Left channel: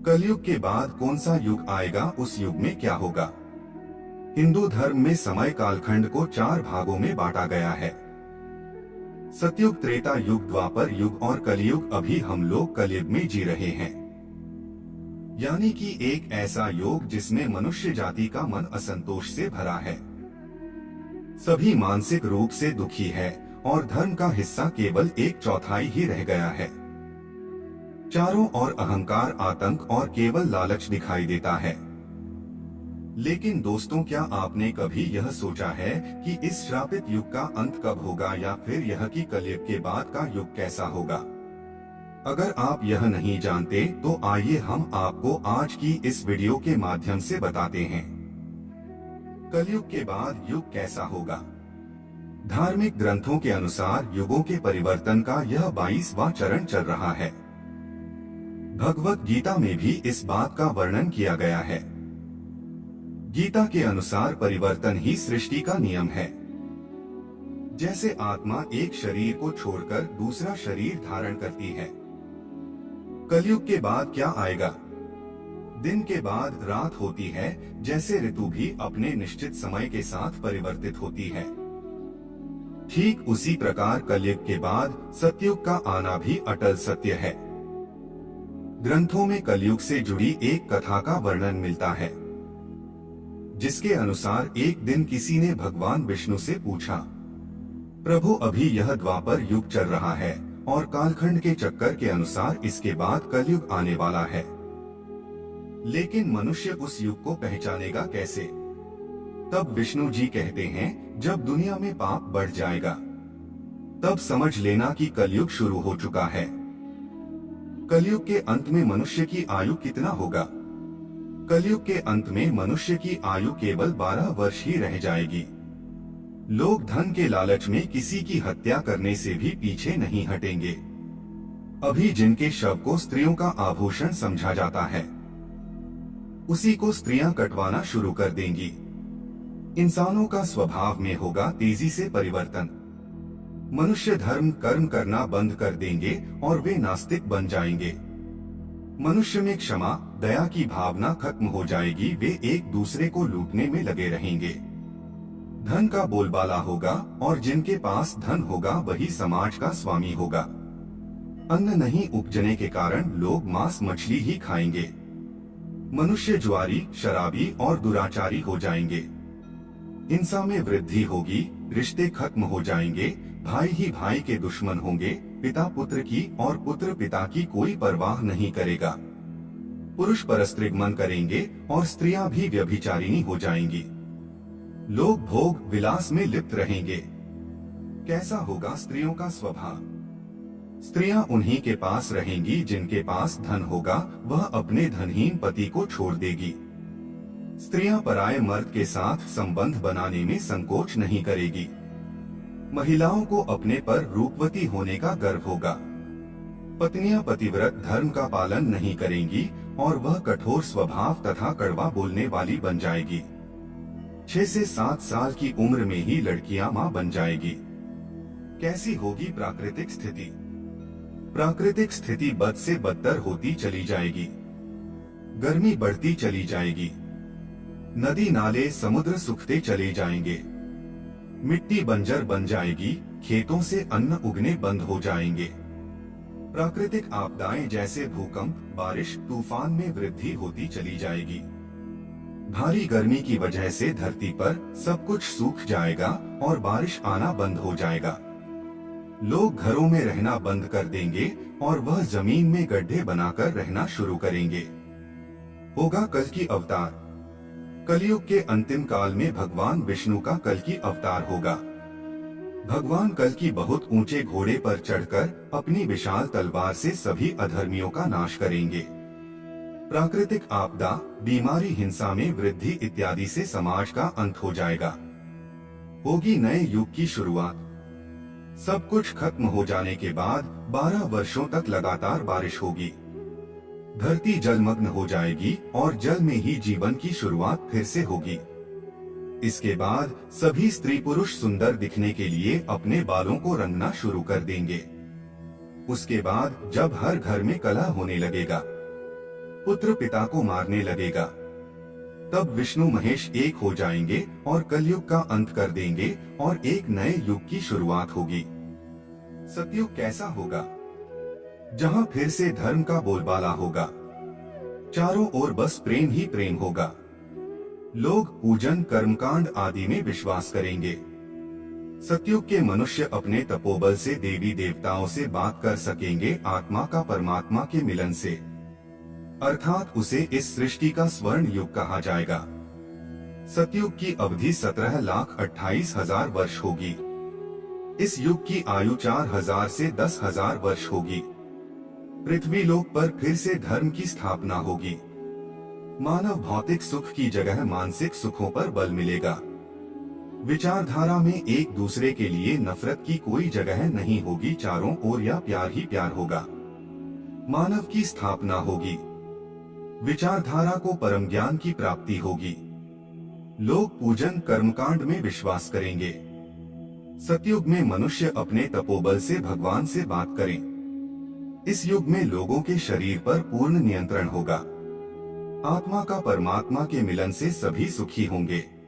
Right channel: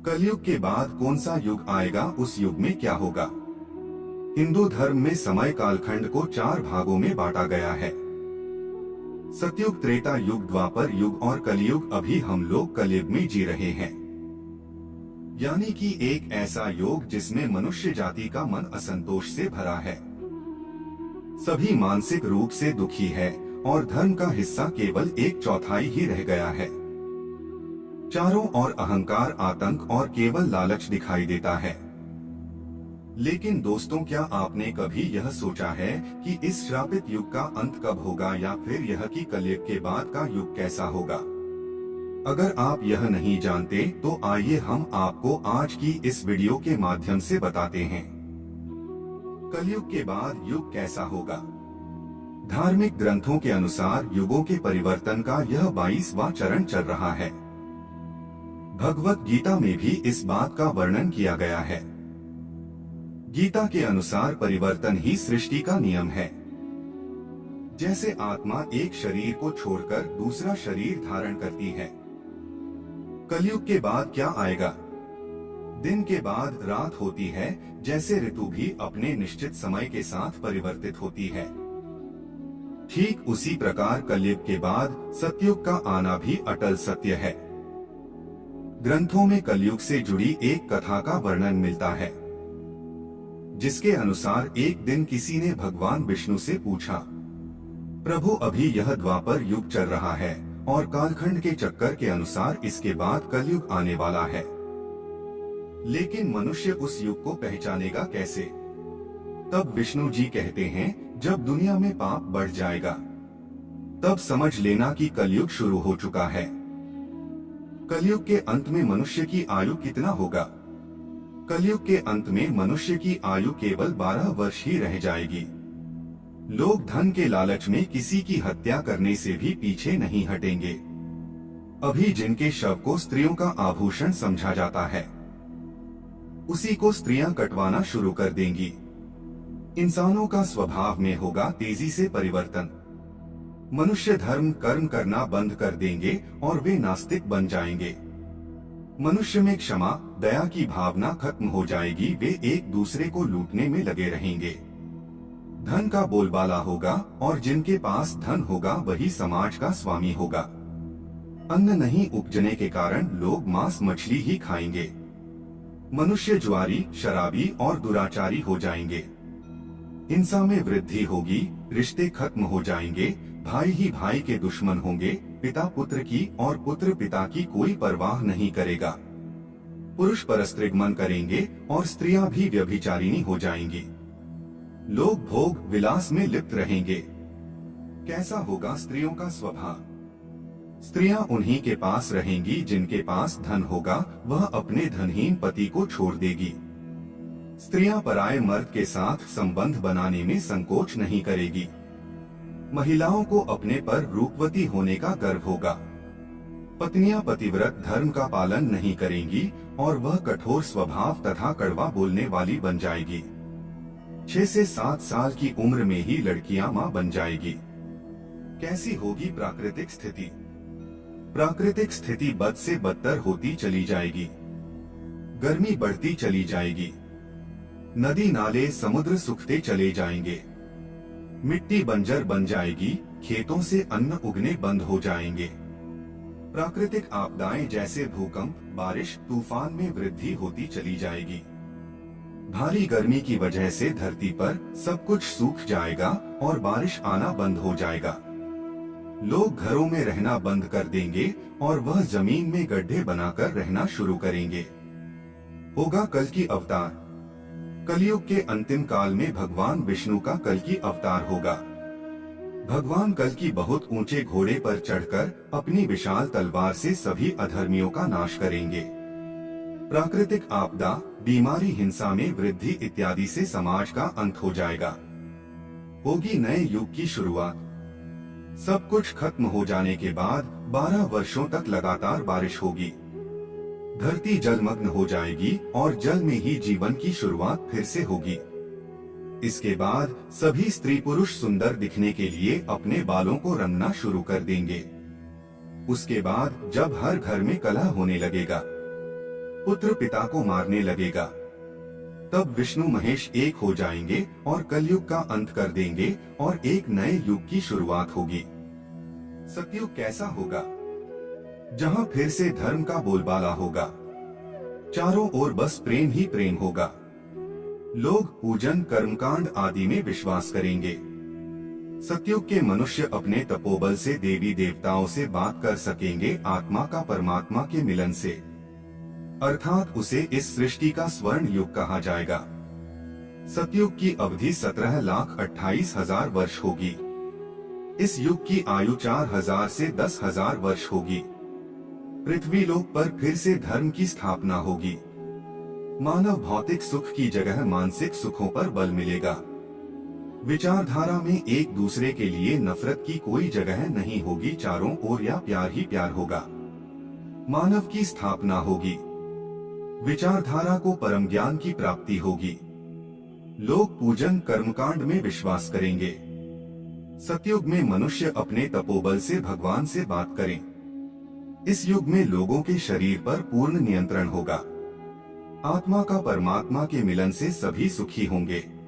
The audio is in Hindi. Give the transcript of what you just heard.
कलयुग के बाद कौन सा युग आएगा, उस युग में क्या होगा। हिंदू धर्म में समय कालखंड को 4 भागों में बांटा गया है। सतयुग, त्रेता युग, द्वापर युग और कलयुग। अभी हम लोग कलयुग में जी रहे हैं, यानी कि एक ऐसा युग जिसमें मनुष्य जाति का मन असंतोष से भरा है। सभी मानसिक रूप से दुखी है और धर्म का हिस्सा केवल 1/4 ही रह गया है। चारों ओर अहंकार, आतंक और केवल लालच दिखाई देता है। लेकिन दोस्तों, क्या आपने कभी यह सोचा है कि इस श्रापित युग का अंत कब होगा, या फिर यह कि कलयुग के बाद का युग कैसा होगा? अगर आप यह नहीं जानते तो आइए हम आपको आज की इस वीडियो के माध्यम से बताते हैं कलयुग के बाद युग कैसा होगा। धार्मिक ग्रंथों के अनुसार युगों के परिवर्तन का यह 22वां चरण चल रहा है। भगवत गीता में भी इस बात का वर्णन किया गया है। गीता के अनुसार परिवर्तन ही सृष्टि का नियम है। जैसे आत्मा एक शरीर को छोड़कर दूसरा शरीर धारण करती है। कलयुग के बाद क्या आएगा? दिन के बाद रात होती है, जैसे ऋतु भी अपने निश्चित समय के साथ परिवर्तित होती है। ठीक उसी प्रकार कलयुग के बाद सतयुग का आना भी अटल सत्य है। ग्रंथों में कलयुग से जुड़ी एक कथा का वर्णन मिलता है, जिसके अनुसार एक दिन किसी ने भगवान विष्णु से पूछा, प्रभु, अभी यह द्वापर युग चल रहा है और कालखंड के चक्कर के अनुसार इसके बाद कलयुग आने वाला है, लेकिन मनुष्य उस युग को पहचानेगा कैसे? तब विष्णु जी कहते हैं, जब दुनिया में पाप बढ़ जाएगा तब समझ लेना कि कलयुग शुरू हो चुका है। कलयुग के अंत में मनुष्य की आयु कितना होगा? कलयुग के अंत में मनुष्य की आयु केवल 12 वर्ष ही रह जाएगी। लोग धन के लालच में किसी की हत्या करने से भी पीछे नहीं हटेंगे। अभी जिनके शव को स्त्रियों का आभूषण समझा जाता है, उसी को स्त्रियां कटवाना शुरू कर देंगी। इंसानों का स्वभाव में होगा तेजी से परिवर्तन। मनुष्य धर्म कर्म करना बंद कर देंगे और वे नास्तिक बन जाएंगे। मनुष्य में क्षमा, दया की भावना खत्म हो जाएगी। वे एक दूसरे को लूटने में लगे रहेंगे। धन का बोलबाला होगा और जिनके पास धन होगा वही समाज का स्वामी होगा। अन्न नहीं उपजने के कारण लोग मांस मछली ही खाएंगे। मनुष्य जुआरी, शराबी और दुराचारी हो जाएंगे। हिंसा में वृद्धि होगी, रिश्ते खत्म हो जाएंगे, भाई ही भाई के दुश्मन होंगे, पिता पुत्र की और पुत्र पिता की कोई परवाह नहीं करेगा। पुरुष परस्त्रीगमन करेंगे और स्त्रियां भी व्यभिचारिणी हो जाएंगी। लोग भोग विलास में लिप्त रहेंगे। कैसा होगा स्त्रियों का स्वभाव? स्त्रियां उन्हीं के पास रहेंगी जिनके पास धन होगा, वह अपने धनहीन पति को छोड़ देगी। स्त्रियां पराये मर्द के साथ संबंध बनाने में संकोच नहीं करेगी। महिलाओं को अपने पर रूपवती होने का गर्व होगा। पत्नियां पतिव्रत धर्म का पालन नहीं करेंगी और वह कठोर स्वभाव तथा कड़वा बोलने वाली बन जाएगी। 6 से 7 साल की उम्र में ही लड़कियां मां बन जाएगी। कैसी होगी प्राकृतिक स्थिति? प्राकृतिक स्थिति बद से बदतर होती चली जाएगी। गर्मी बढ़ती चली जाएगी। नदी नाले समुद्र सूखते चले जाएंगे। मिट्टी बंजर बन जाएगी। खेतों से अन्न उगने बंद हो जाएंगे। प्राकृतिक आपदाएं जैसे भूकंप, बारिश, तूफान में वृद्धि होती चली जाएगी। भारी गर्मी की वजह से धरती पर सब कुछ सूख जाएगा और बारिश आना बंद हो जाएगा। लोग घरों में रहना बंद कर देंगे और वह जमीन में गड्ढे बनाकर रहना शुरू करेंगे। होगा कल की अवतार। कलयुग के अंतिम काल में भगवान विष्णु का कल की अवतार होगा। भगवान कल की बहुत ऊंचे घोड़े पर चढ़कर अपनी विशाल तलवार से सभी अधर्मियों का नाश करेंगे। प्राकृतिक आपदा, बीमारी, हिंसा में वृद्धि इत्यादि से समाज का अंत हो जाएगा। होगी नए युग की शुरुआत। सब कुछ खत्म हो जाने के बाद 12 वर्षों तक लगातार बारिश होगी। धरती जलमग्न हो जाएगी और जल में ही जीवन की शुरुआत फिर से होगी। इसके बाद सभी स्त्री पुरुष सुंदर दिखने के लिए अपने बालों को रंगना शुरू कर देंगे। उसके बाद जब हर घर में कलह होने लगेगा, पुत्र पिता को मारने लगेगा। तब विष्णु महेश एक हो जाएंगे और कलयुग का अंत कर देंगे और एक नए युग की शुरुआत होगी। सतयुग कैसा होगा? जहां फिर से धर्म का बोलबाला होगा। चारों ओर बस प्रेम ही प्रेम होगा। लोग पूजन, कर्मकांड आदि में विश्वास करेंगे। सतयुग के मनुष्य अपने तपोबल से देवी देवताओं से बात कर सकेंगे, आत्मा का परमात्मा के मिलन से, अर्थात उसे इस सृष्टि का स्वर्ण युग कहा जाएगा। सतयुग की अवधि 17,28,000 वर्ष होगी। इस युग की आयु 4,000 से 10,000 वर्ष होगी। पृथ्वी लोक पर फिर से धर्म की स्थापना होगी। मानव भौतिक सुख की जगह मानसिक सुखों पर बल मिलेगा। विचारधारा में एक दूसरे के लिए नफरत की कोई जगह नहीं होगी। चारों ओर या प्यार ही प्यार होगा। मानव की स्थापना होगी। विचारधारा को परम ज्ञान की प्राप्ति होगी। लोग पूजन, कर्मकांड में विश्वास करेंगे। सतयुग में मनुष्य अपने तपोबल से भगवान से बात करें। इस युग में लोगों के शरीर पर पूर्ण नियंत्रण होगा। आत्मा का परमात्मा के मिलन से सभी सुखी होंगे।